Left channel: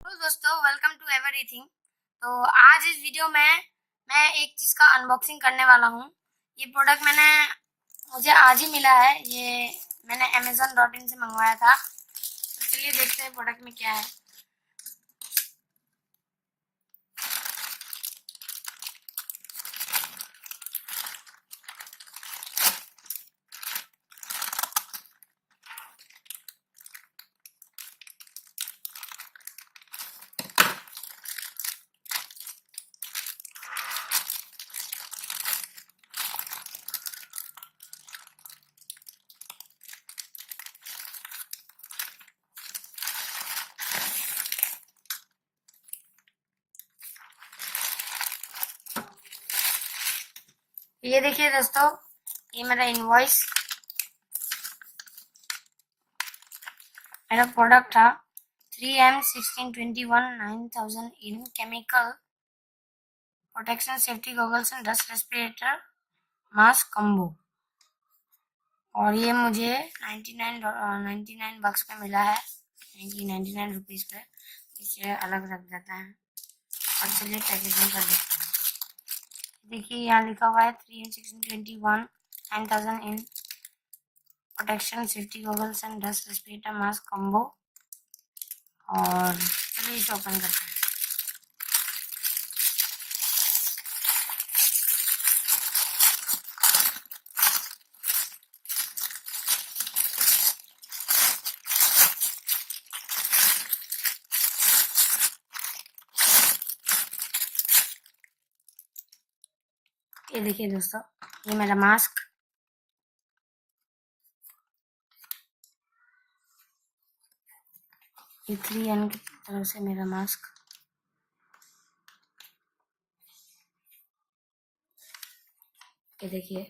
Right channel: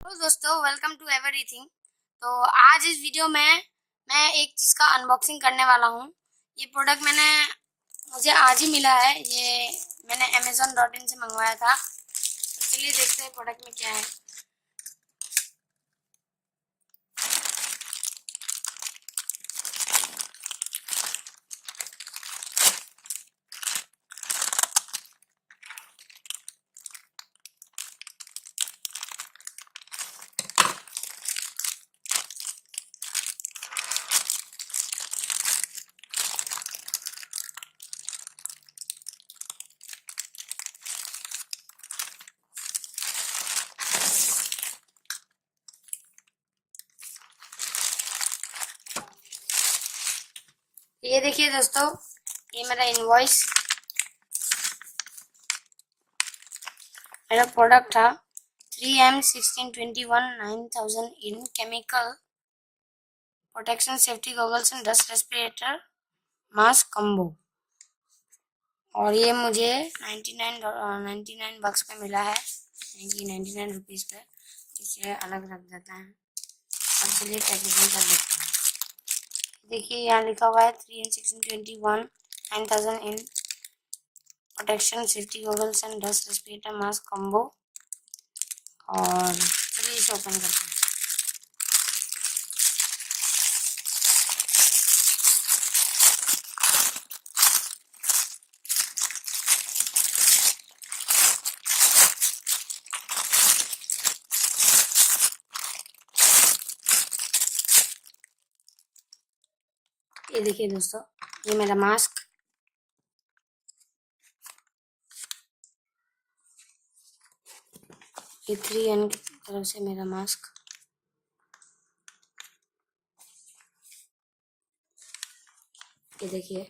तो दोस्तों welcome to everything. तो आज इस वीडियो में मैं एक चीज़ का अनबॉक्सिंग करने वाला हूँ। ये प्रोडक्ट मुझे आज ही मिला है। ये मैंने amazon.in से मंगवाया था। तो चलिए देखते हैं प्रोडक्ट में क्या है। ये देखिए दोस्तों, ये मेरा इनवॉइस, मेरा प्रोडक्ट था 3M1621 9000 in chemical protection safety goggles and dust respirator mask combo. और ये मुझे 99 बक्स पे मिला है, 99 रुपीज़ पे। इसे अलग रख देता है और चलिए पैकेजिंग कर देते हैं। देखिए यहाँ लिखा हुआ है 3M1621 9000 in protection safety goggles and dust respirator mask combo. और चलिए इसे ओपन करते हैं। ये देखिए दोस्तों, ये मेरा मास्क, ये 3M की तरफ से मेरा मास्क। ये देखिए,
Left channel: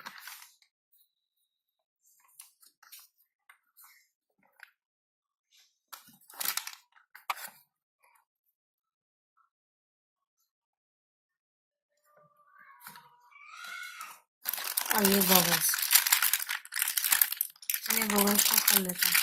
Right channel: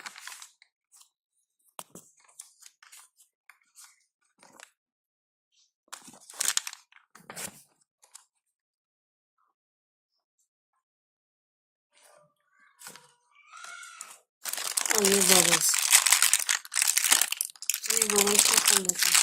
और ये गॉगल्स। चलिए गॉगल्स को खोल लेते हैं।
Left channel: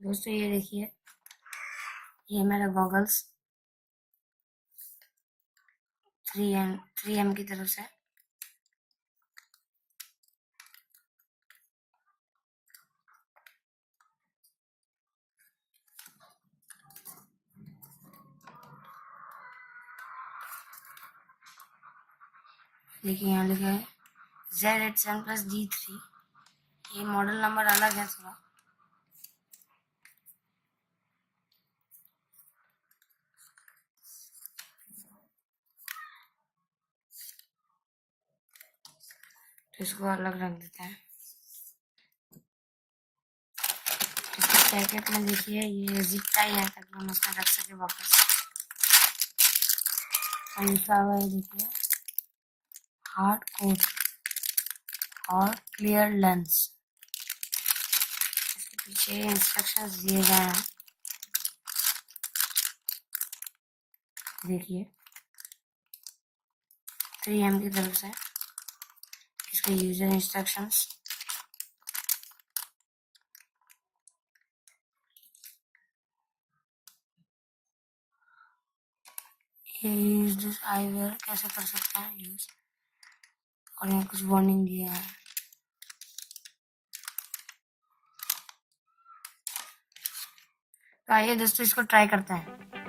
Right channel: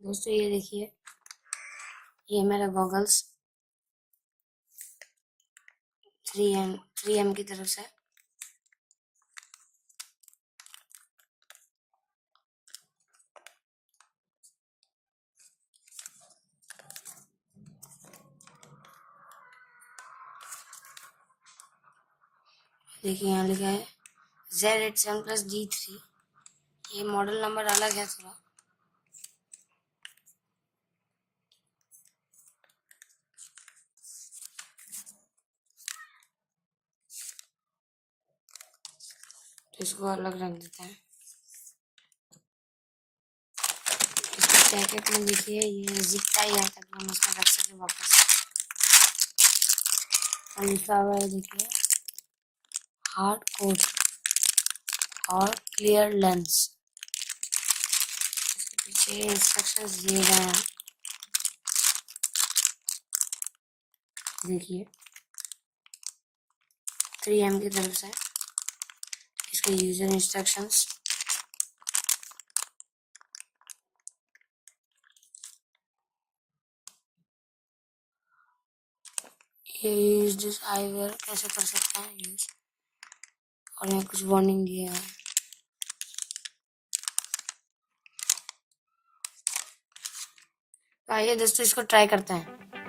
दोस्तों ये देखिए, ये मेरा गॉगल्स 3M की तरफ से। देखिए यहाँ लिखा है Z87+D3। ये मॉडल नंबर अलग है थोड़ा। तो इसको अलग रख देते हैं। इसके पैकेट में देखिए ये जिप टाई है ताकि हम उसमें रख सके वापस। और लिखा हुआ है देखिए हार्ड कोट और क्लियर लेंस। इसके पीछे इंस्ट्रक्शंस दिए गए हैं। देखिए 3M की तरफ से इसके यूजर इंस्ट्रक्शंस। ये यूज दिस आईवेयर कैसे कर सकते हैं यूज, और यहाँ कुछ वार्निंग दिया है। तो आइए दोस्तों इसको ट्राई करते हैं।